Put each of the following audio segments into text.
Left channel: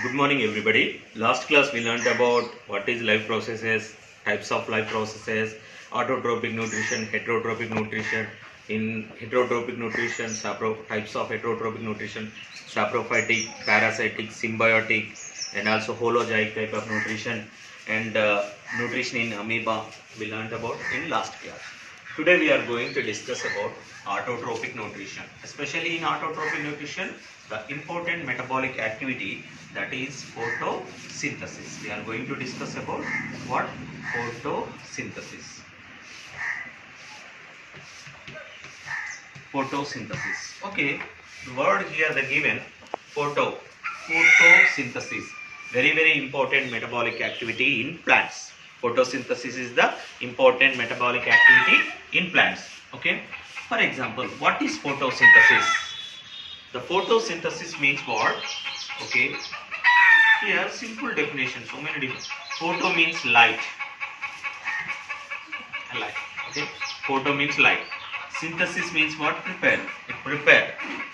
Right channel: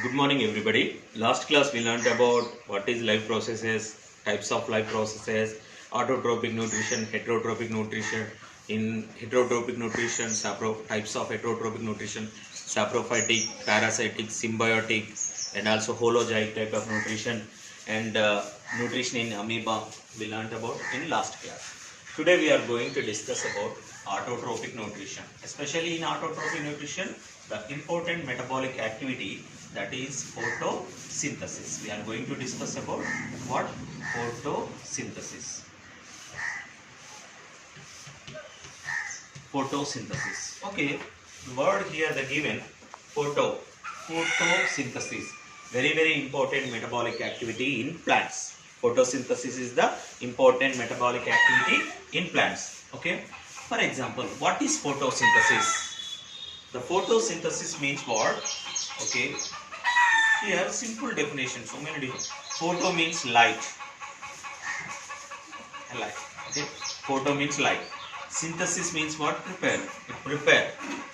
Good morning, everybody. Last class we learned about what is life processes, types of life processes, autotrophic nutrition, heterotrophic nutrition. In heterotrophic nutrition, types of heterotrophic nutrition, saprophytic, parasitic, symbiotic, and also holozoic type of nutrition, and nutrition in amoeba we learned about in last class. Today we are going to discuss about autotrophic nutrition. Especially in autotrophic nutrition, the important metabolic activity, that is photosynthesis. We are going to discuss about what? Photosynthesis. Photosynthesis. Okay, the word here the given photosynthesis. Very important metabolic activity in plants. Photosynthesis is the important metabolic activity in plants. Okay. For example, what is photosynthesis? The photosynthesis means what? Okay. Here simple definition. So many different. Photo means light. Light. Okay. Photo means light. Synthesis means what? Prepare.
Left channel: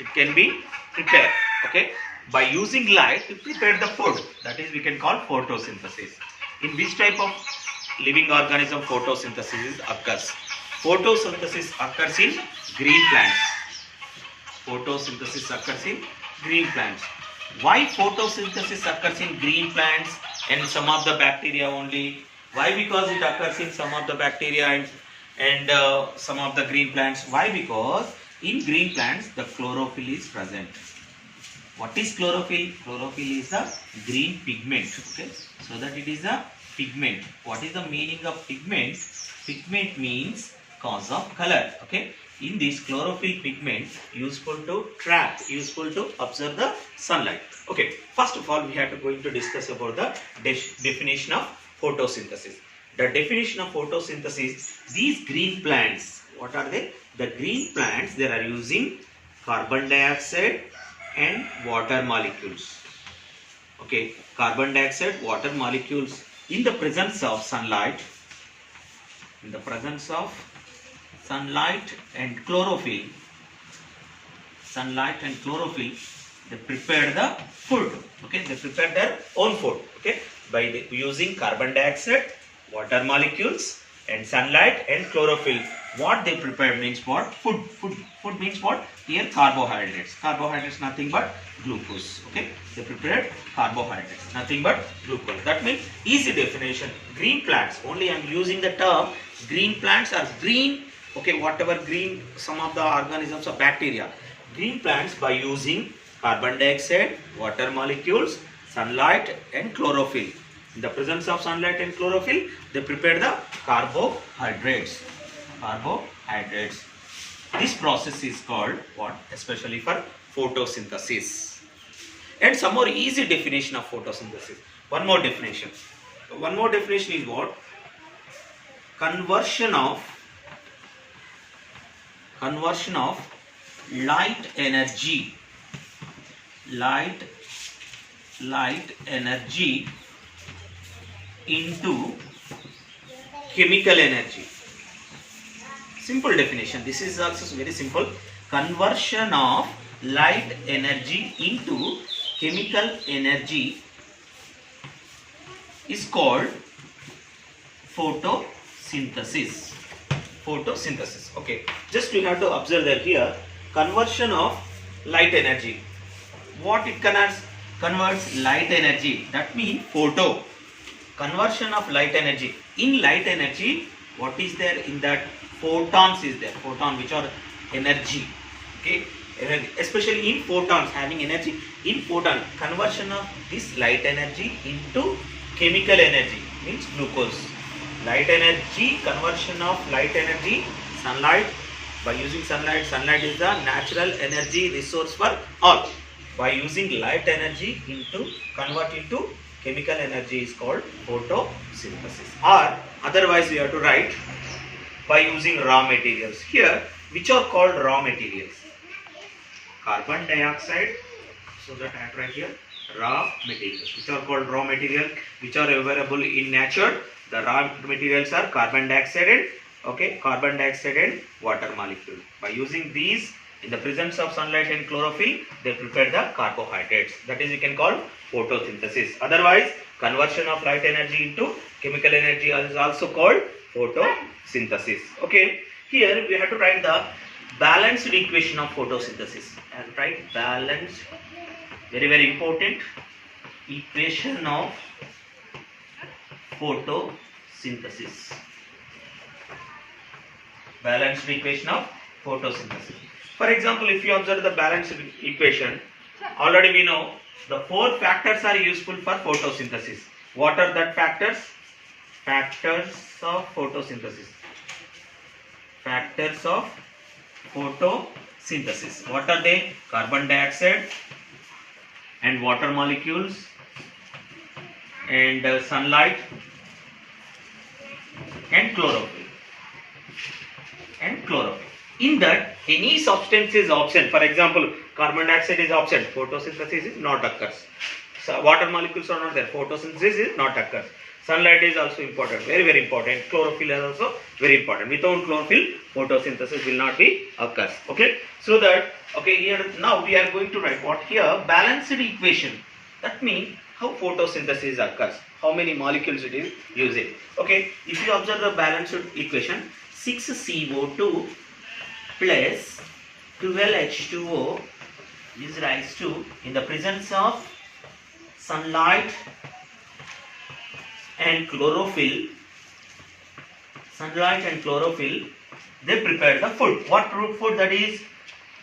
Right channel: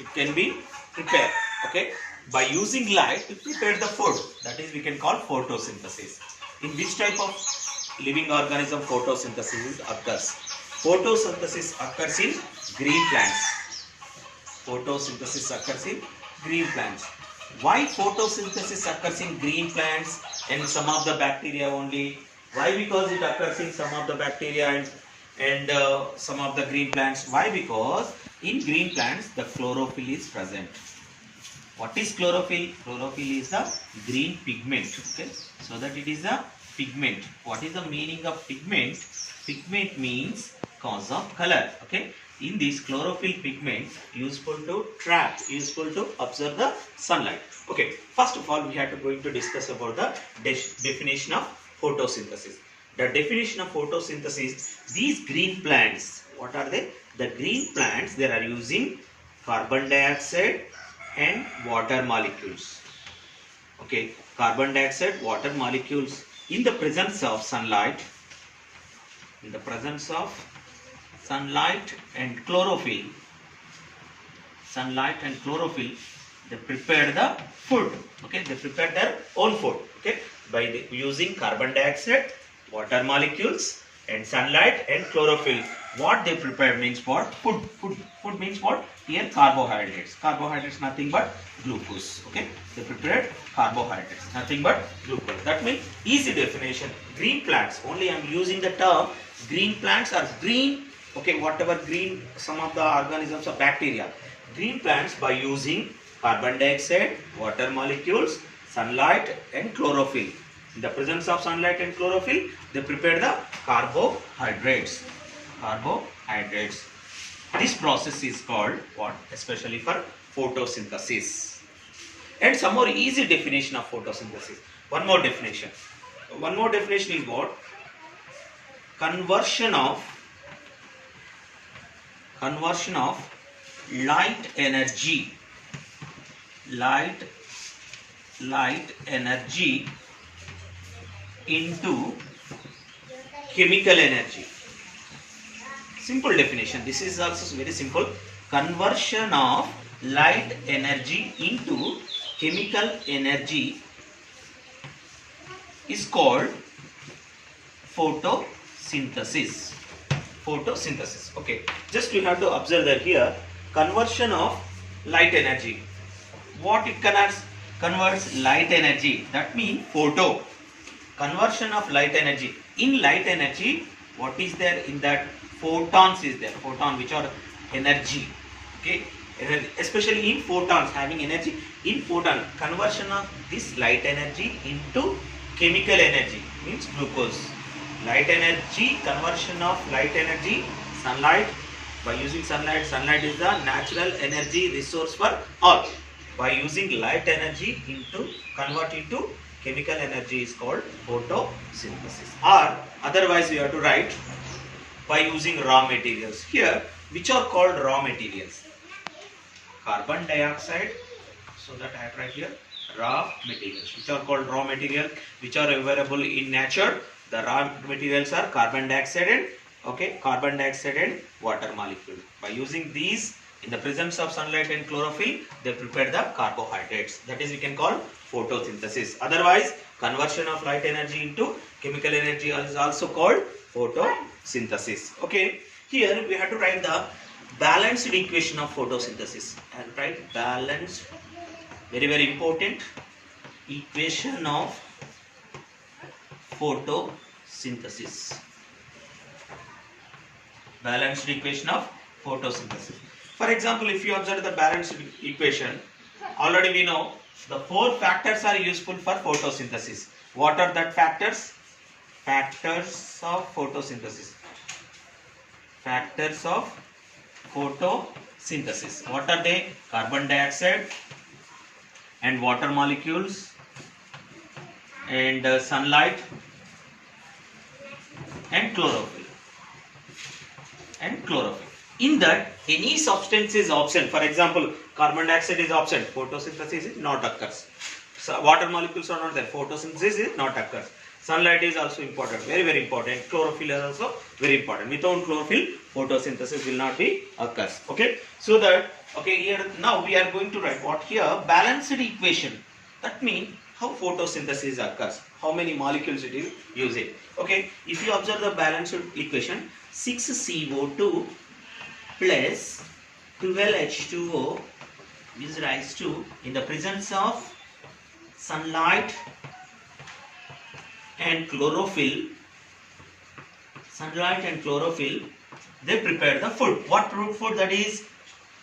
It can be prepared. Okay. By using light to prepare the food. That is we can call photosynthesis. In which type of living organism photosynthesis occurs? Photosynthesis occurs in green plants. Photosynthesis occurs in green plants. Why photosynthesis occurs in green plants and some of the bacteria only? Why? Because it occurs in some of the bacteria and some of the green plants. Why? Because in green plants the chlorophyll is present. What is chlorophyll? Chlorophyll is the green pigment. Okay, so that it is a pigment. What is the meaning of pigment? Pigment means cause of color. Okay, in this chlorophyll pigment useful to trap, useful to observe the sunlight. Okay, first of all we have to going to discuss about the definition of photosynthesis. The definition of photosynthesis, these green plants, what are they? The green plants, they are using carbon dioxide and water molecules. Okay, carbon dioxide, water molecules in the presence of sunlight. In the presence of sunlight and chlorophyll, they prepare the food. Okay, they prepare their own food. Okay, by using carbon dioxide, water molecules, and sunlight and chlorophyll. What they prepare means what? Food means what? Here carbohydrates. Carbohydrates nothing but glucose. Okay, they prepared carbohydrates, nothing but glucose. That means easy definition. Green plants. Only I am using the term green plants are green. Okay, whatever green, some of the organisms or bacteria. Green plants by using carbon dioxide, water molecules, sunlight and chlorophyll. In the presence of sunlight and chlorophyll, they prepare the carbohydrates. This process is called what? Especially for photosynthesis. And some more easy definition of photosynthesis. One more definition is what? Conversion of light energy into chemical energy. Simple definition. This is also very simple. Conversion of light energy into chemical energy is called photosynthesis. Okay, just we have to observe that here conversion of light energy. What it converts light energy, that means photo. Conversion of light energy. In light energy, what is there in that? Photons is there. Photon, which are energy. Okay, especially in photons having energy. In photon, conversion of this light energy into chemical energy means glucose. Light energy, conversion of light energy, sunlight. By using sunlight is the natural energy resource for all. By using light energy convert into chemical energy is called photosynthesis. Or otherwise you have to write by using raw materials. Here, which are called raw materials? Carbon dioxide. So that I write here raw materials. Which are called raw material, which are available in nature. The raw materials are carbon dioxide and water molecule. By using these In the presence of sunlight and chlorophyll, they prepare the carbohydrates. That is, you can call photosynthesis. Otherwise, conversion of light energy into chemical energy is also called photosynthesis. Okay, here we have to write the balanced equation of photosynthesis. And write balanced, very important, equation of photosynthesis. Balanced equation of photosynthesis. For example, if you observe the balanced equation, already we know the 4 factors are useful for photosynthesis. What are that factors? Factors of photosynthesis. Factors of photosynthesis. What are they? Carbon dioxide and water molecules and sunlight and chlorophyll. In that, any substance is absent. For example, carbon dioxide is absent, photosynthesis is not occurs. So water molecules are not there, photosynthesis is not occurs. Sunlight is also important, very important. Chlorophyll is also very important. Without chlorophyll, photosynthesis will not be occurs. Okay, so that, okay, here now we are going to write what here? Balanced equation. That means how photosynthesis occurs, how many molecules it is using. Okay, if you observe the balanced equation, 6CO2 plus 12H2O is rise to, in the presence of sunlight and chlorophyll, they prepare the food. What food that is?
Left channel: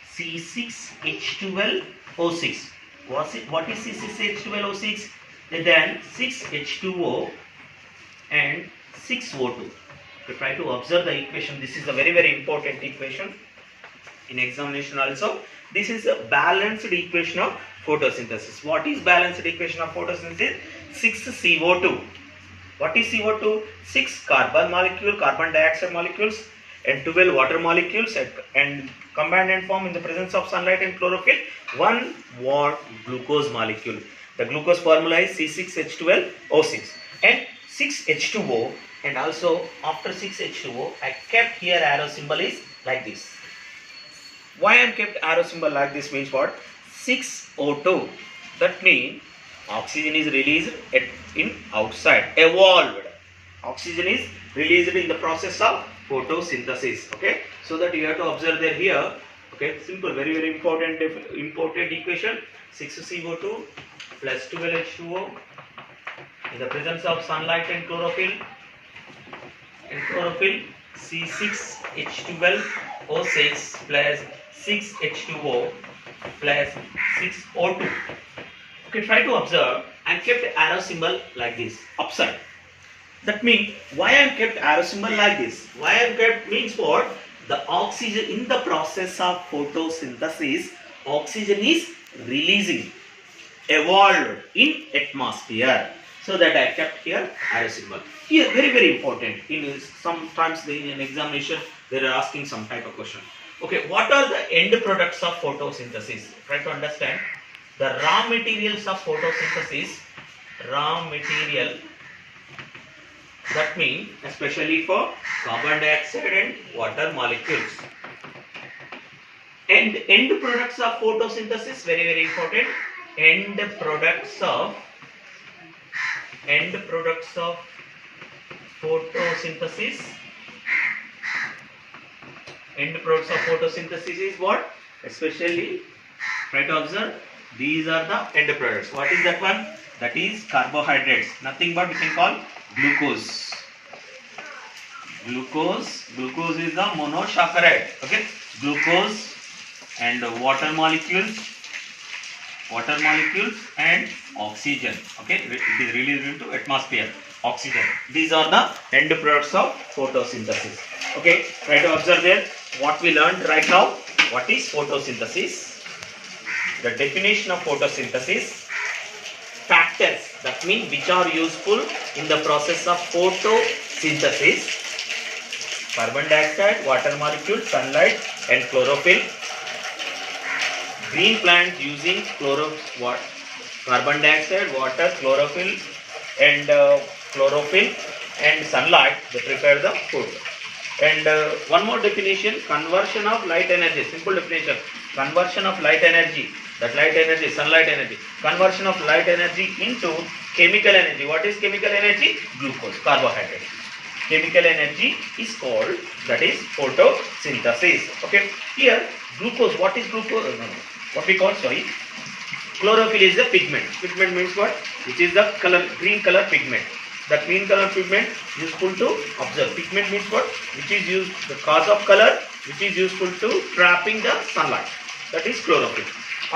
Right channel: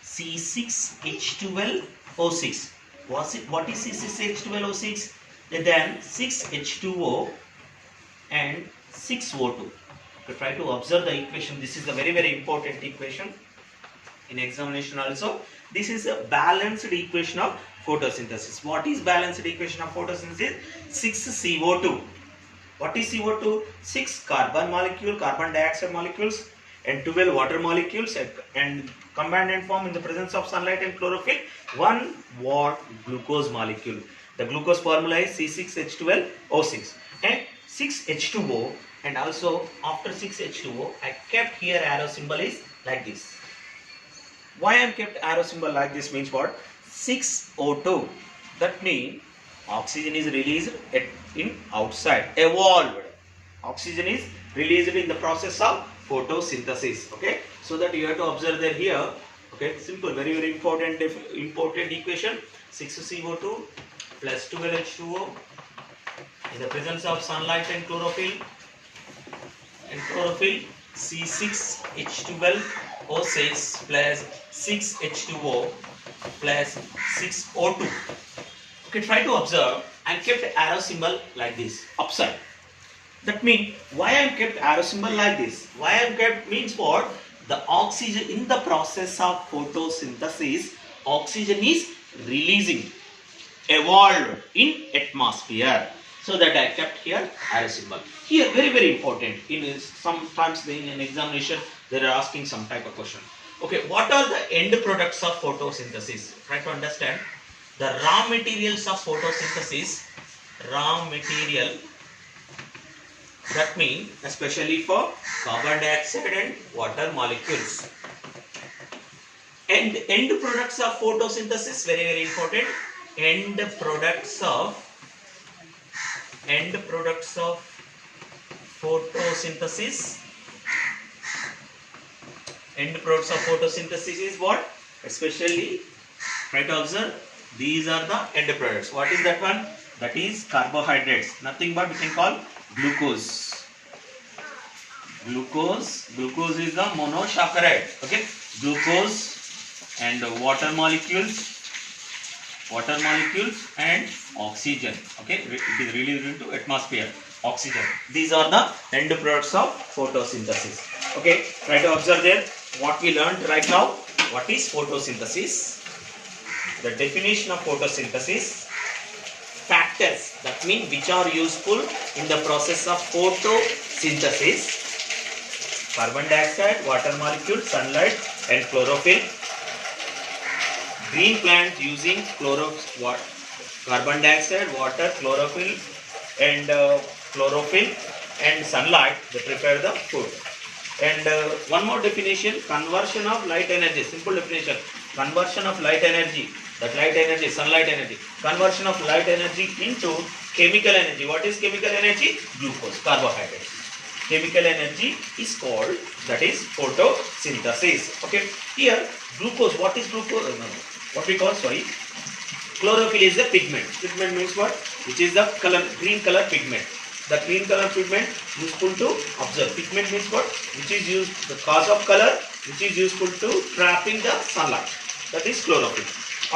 C6H12O6. What is C6H12O6? Then 6H2O and 6O2. We try to observe the equation. This is the very important equation in examination also. This is a balanced equation of photosynthesis. What is balanced equation of photosynthesis? 6CO2. What is CO2? 6 carbon dioxide molecules and 12 water molecules and combined and form in the presence of sunlight and chlorophyll 1 glucose molecule. The glucose formula is C6H12O6 and 6H2O, and also after 6H2O I kept here arrow symbol is like this. Why I kept arrow symbol like this means what? 6O2. That means oxygen is released in outside, evolved. Oxygen is released in the process of photosynthesis. Okay, so that you have to observe there here. Okay, simple, very important equation. 6CO2 plus 12H2O in the presence of sunlight and chlorophyll. C6H12O6 plus 6H2O plus 6O2. Okay, try to observe. I kept arrow symbol like this, upside. That means why I kept arrow symbol like this? Why I kept means what? The oxygen in the process of photosynthesis, oxygen is releasing, evolved in atmosphere. So that I kept here arrow symbol. Here very important. In sometimes in an examination they are asking some type of question. Okay, what are the end products of photosynthesis? Try to understand. The raw materials of photosynthesis, raw material, that means especially for carbon dioxide and water molecules. And end products of photosynthesis, very important. End products of photosynthesis. End products of photosynthesis is what? Especially, try to observe. These are the end products. What is that one? That is carbohydrates. Nothing but we can call glucose. Glucose is the monosaccharide. Okay, glucose and water molecules and oxygen. Okay, it is released into atmosphere. Oxygen. These are the end products of photosynthesis. Okay, try to observe there what we learned right now. What is photosynthesis? The definition of photosynthesis, factors that mean which are useful in the process of photosynthesis: carbon dioxide, water molecule, sunlight and chlorophyll. Green plants using carbon dioxide, water, chlorophyll and sunlight, they prepare the food. And one more definition, conversion of light energy, simple definition, conversion of light energy, that light energy, sunlight energy, conversion of light energy into chemical energy. What is chemical energy? Glucose, carbohydrates. Chemical energy is called, that is photosynthesis. Okay, here glucose, what is glucose? No, what we call, sorry, chlorophyll is the pigment. Pigment means what? Which is the color, green color pigment. The green color pigment useful to observe. Pigment means what? Which is used, the cause of color, which is useful to trapping the sunlight. That is chlorophyll.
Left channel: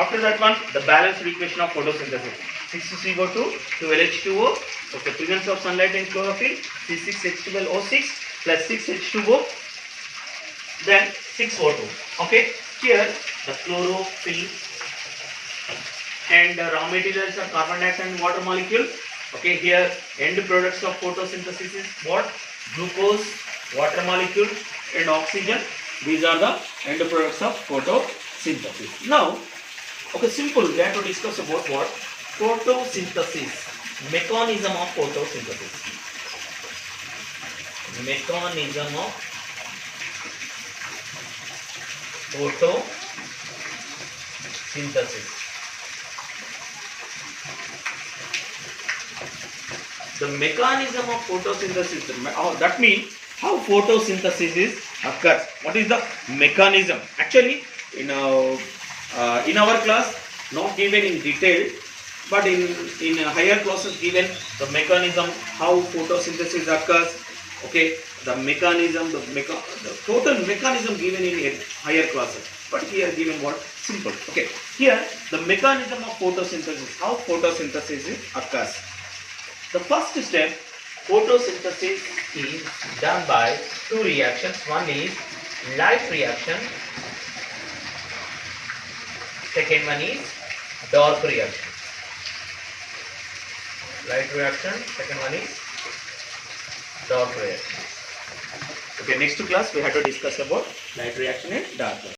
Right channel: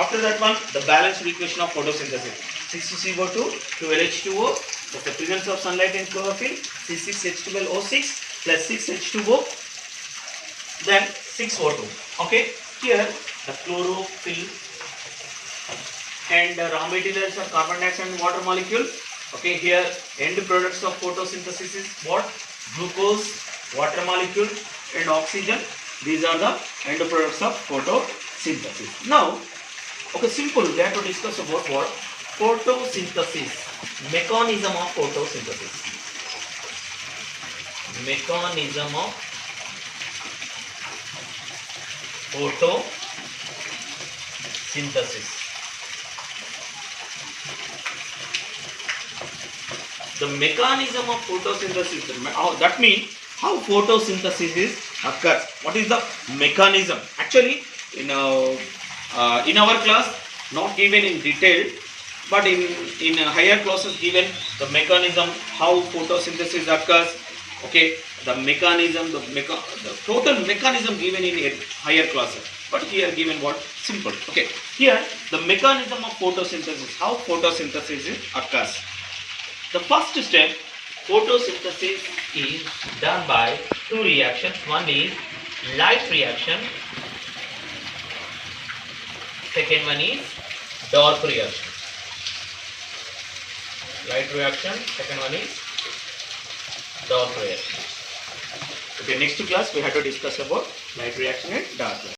After that one, the balanced equation of photosynthesis. 6CO2, 12H2O, that's the presence of sunlight in chlorophyll, C6H12O6 plus 6H2O, then 6O2. Okay, here the chlorophyll and the raw materials are carbon dioxide and water molecule. Okay, here end products of photosynthesis is what? Glucose, water molecule and oxygen. These are the end products of photosynthesis. Now, okay, simple, we have to discuss about what? Photosynthesis, mechanism of photosynthesis. Mechanism of photosynthesis. The mechanism of photosynthesis, that means how photosynthesis is occurs. What is the mechanism? Actually, in our class, not given in detail, but in higher classes given the mechanism, how photosynthesis occurs. Okay, the mechanism, the total mechanism given in a higher classes. But here given what? Simple. Okay, here the mechanism of photosynthesis, how photosynthesis occurs. The first step, photosynthesis is done by two reactions. One is light reaction. Second one is dark reaction. Light reaction. Second one is dark reaction. Okay, next class we have to discuss about light reaction and dark reaction.